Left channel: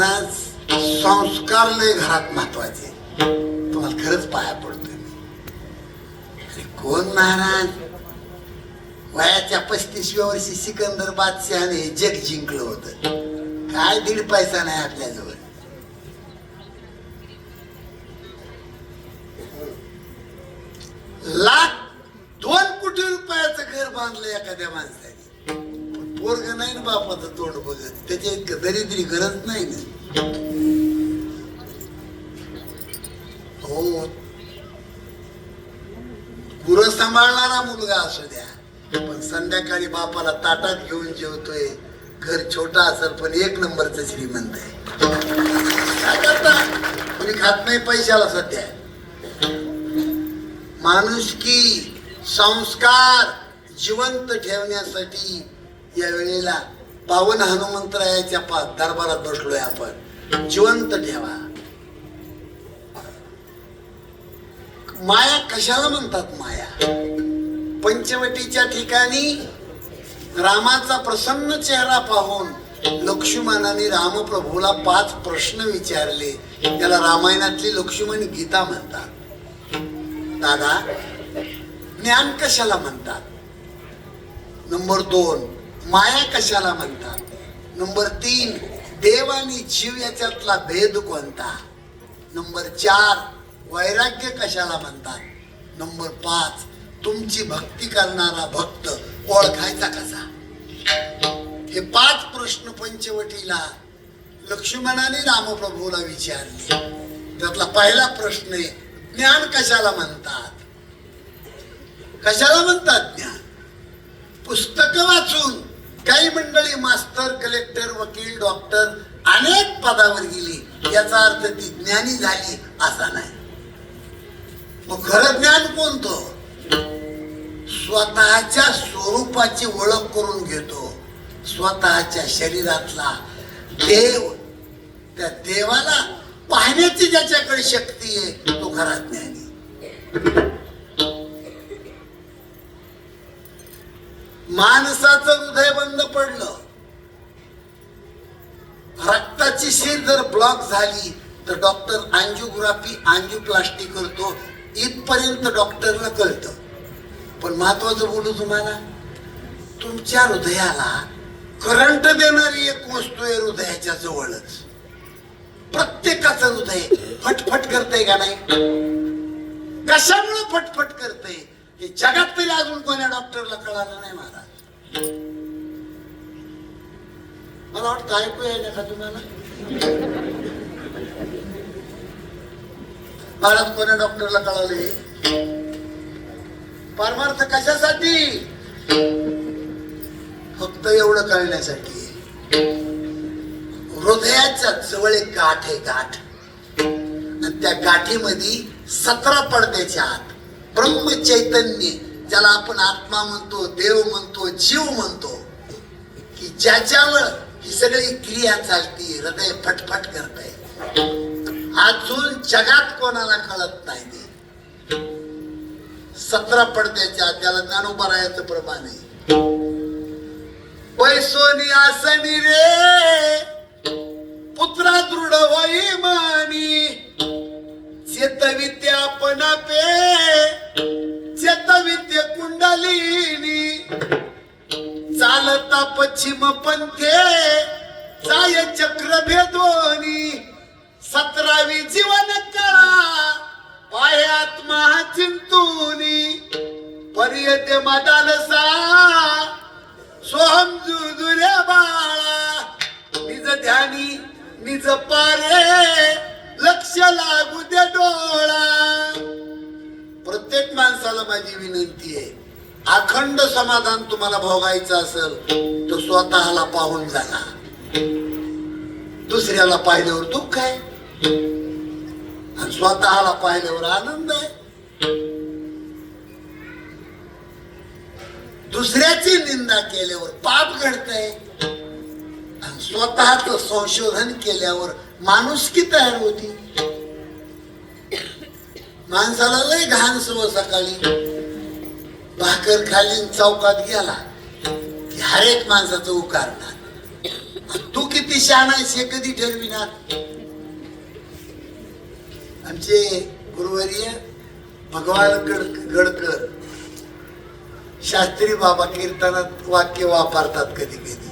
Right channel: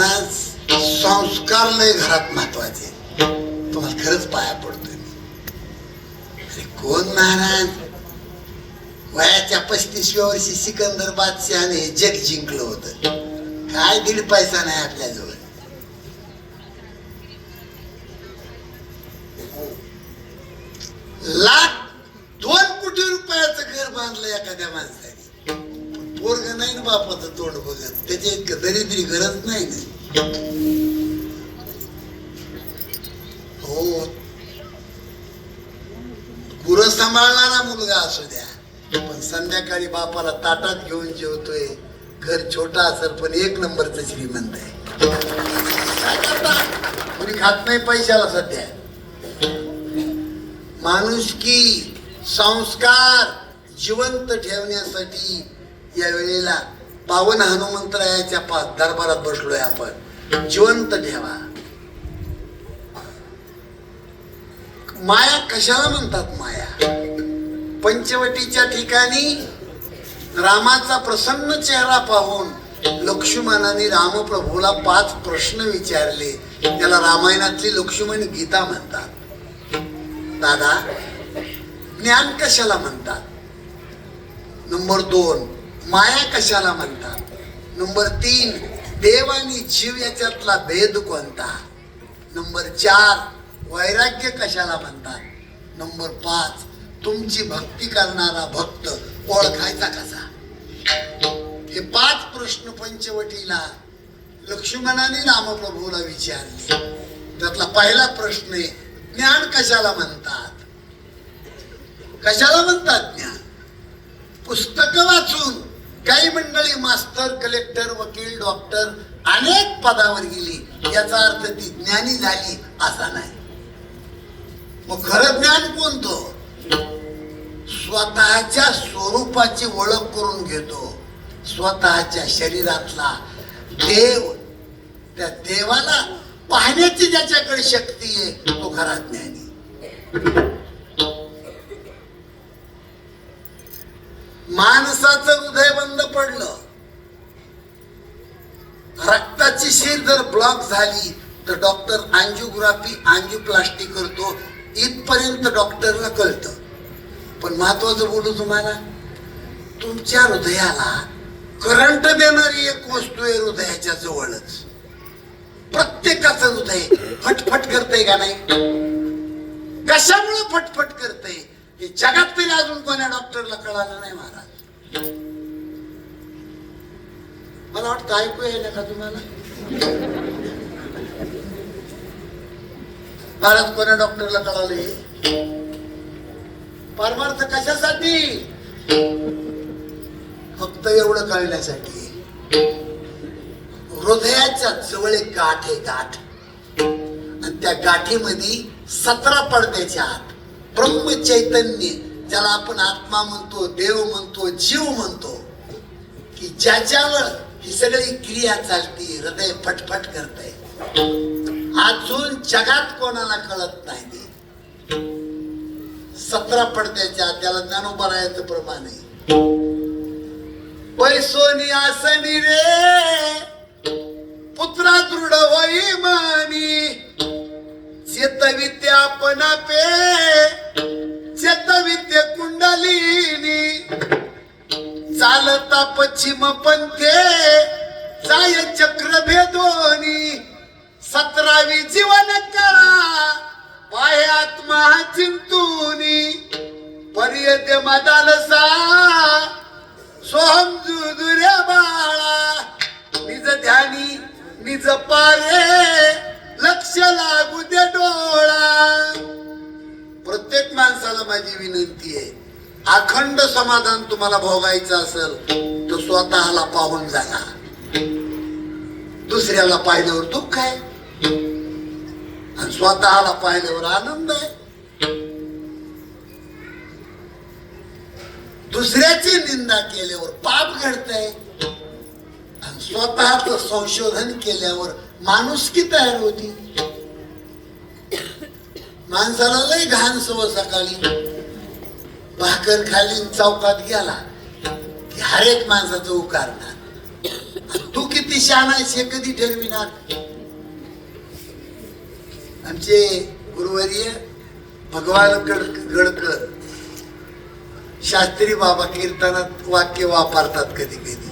महाराज संस्कार लय घरात महत्वाचे. तुम्हाला खरंच पाया पडतोय. कोण महाराज वयाच्या 35व्या वर्षी सिकंदर बादशाहने जग जिंकलं होतं. काय 1.5 पैसा नाही आपल्याजवळ. लाख 2 कोटी रुपयाचं घर बांधलं एखाद्या माणसाने. पोरग नाही ना बापाचं तोंड बोलत. त्याच्या इतकं दरिद्री गरज नाही ना. हो, गुरं सांभाळणारा मुलगा असू द्या, पण संध्याकाळी बापाला ताटात घेऊन जेवतोय. घर छोटा असेल पण 1 नंबरचं श्रीमंत आहे. कोणी खात नाही पैशाला सध्या. माणुसकी संस्कार जिवंत ठेवण्यासाठी या वेळेला पावन हनुमंतरायाच्या दरबारात बसलोय आपण. जिवंत ठेवा. माया कशाला म्हणतात? माया पंचवटीच्या ठिकाणी रामाचा प्रसन्न चेहरा पाहून लक्ष्मणाने रामप्रभूला 5 प्रश्न विचारले. त्याला रामायणातली लक्ष्मण गीता म्हणतात. दादा, ज्ञान कशाला म्हणतात? नंबर 2, माया कशाला म्हणतात? नंबर 3, देव आणि जीव याच्यातला भेद कोणता? नंबर 4, वैराग्य कशाला म्हणतात? नंबर 5, तुमची भक्ती करणारा भक्त ओळखायचा कसा? हे 5 प्रश्न पंचवटीला लक्ष्मणाने रामप्रभूला विचारले. त्यातला पहिला प्रश्न आहे, ज्ञान कशाला म्हणतात? कशाला म्हणतात ज्ञान? पुस्तक वाचून काही मंडळी मास्टर, कलेक्टर, वकील, डॉक्टर अनेक पदावर गेली, याचा अर्थ ती ज्ञानी झाली असा नाही. मग खरं ज्ञान कोणतं? स्वतःच्या स्वरूपाची ओळख करून घेतो. स्वतःच्या शरीरातला देव, त्या देवाला पाहण्याची ज्याच्याकडे शक्ती आहे तो खरा ज्ञानी. माणसाचं हृदय बंद पडलं, रक्ताची शीर जर ब्लॉक झाली तर डॉक्टर अँजिओग्राफी, अँजिओप्लास्टी करतो. इथपर्यंत डॉक्टरला कळतं. पण महत्वाचं बोलू तुम्हाला, तुमच्या हृदयाला करंट देणारी एक वस्तू आहे हृदयाच्या जवळच. प्रत्येकाचं हृदय फटफट करतंय का नाही? कशामुळे फटफट करतंय हे जगात तरी अजून कोणा डॉक्टरला कळालं नाही महाराज. मला वाटतं ऐकू येईल का तुम्हाला? महाराज कोणा डॉक्टरला कळाले? परमार्थ कशासाठी? फक्त एवढं कळण्यासाठी. हृदयाच्या जवळ एक गाठ आहे, गाठ. आणि त्या गाठीमध्ये 17 पडद्याच्या आत ब्रह्म चैतन्य, ज्याला आपण आत्मा म्हणतो, देव म्हणतो, जीव म्हणतो, की ज्याच्यावर ही सगळी क्रिया चालती, हृदय फटफट करतंय. अजून जगात कोणाला कळत नाही ते. 17 पडद्याच्या आत, त्याला ज्ञानोबरायाचं प्रमाण आहे. पैसोनी आसनी रे पुत्रा दृढ होई मानी, चेतविद्या आपण पे चेतविद्य कुंडलिनी, चालता पश्चिम पंथे जाय चक्र भेदोनी, 17वी जीवन कळा पाय आत्मा चिंतूनी, पर्यत मदालसा सोहम जुदुरे बाळा, निज ध्यानी निज पारे लक्ष लागू दे डोळा. प्रत्येक माणसाला माझी विनंती आहे, अखंड समाधान तुम्हाला भोगायचं असेल तर स्वतःला पाहून जागा. दुसऱ्याला पाहिल्यावर दुःख आहे आणि स्वतःला पाहिल्यावर आनंद आहे. दुसऱ्याची निंदा केल्यावर पाप घडतंय आणि स्वतःच संशोधन केल्यावर माणुसकी तयार होती. माणसाला लय घाण सवय, सकाळी भाकर खाली चौकात गेला की हर एक माणसाचं उकारणार तू किती शहाणा आहेस हे कधी ठरविणार? आमचे गुरुवर्य भगवान गडकर शास्त्री बाबा कीर्तनात वाक्य वापरतात कधी कधी,